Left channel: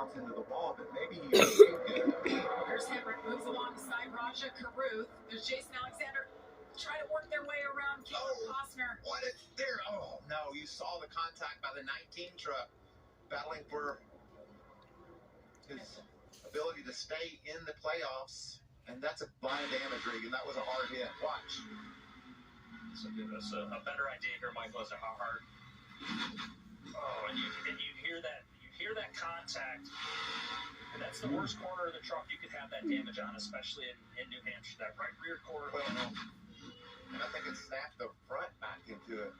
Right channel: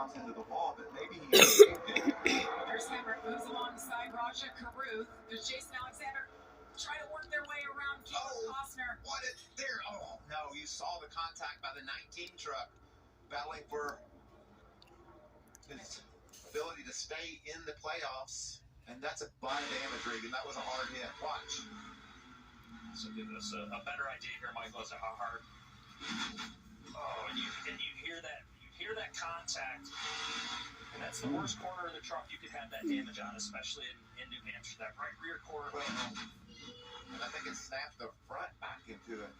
bounce into the wall, but maybe he escaped it. Here's Hemrick, moves alongside Raja Caruth. There's Jason Alexander try to work their way around Costner. What is there? Oh, no, you saw the contact by the 19 truck battling for his ability to stay in the playoffs, and that's a buy damage rig, and that was a hard hit. Watch. So give us a better idea here, Michael, as to how hard. Oh, and you hear that contact, and that's the worst corner of the truck you could have that damage on, especially in New Hampshire. That right rear quarter. And I think it snapped the front back into it.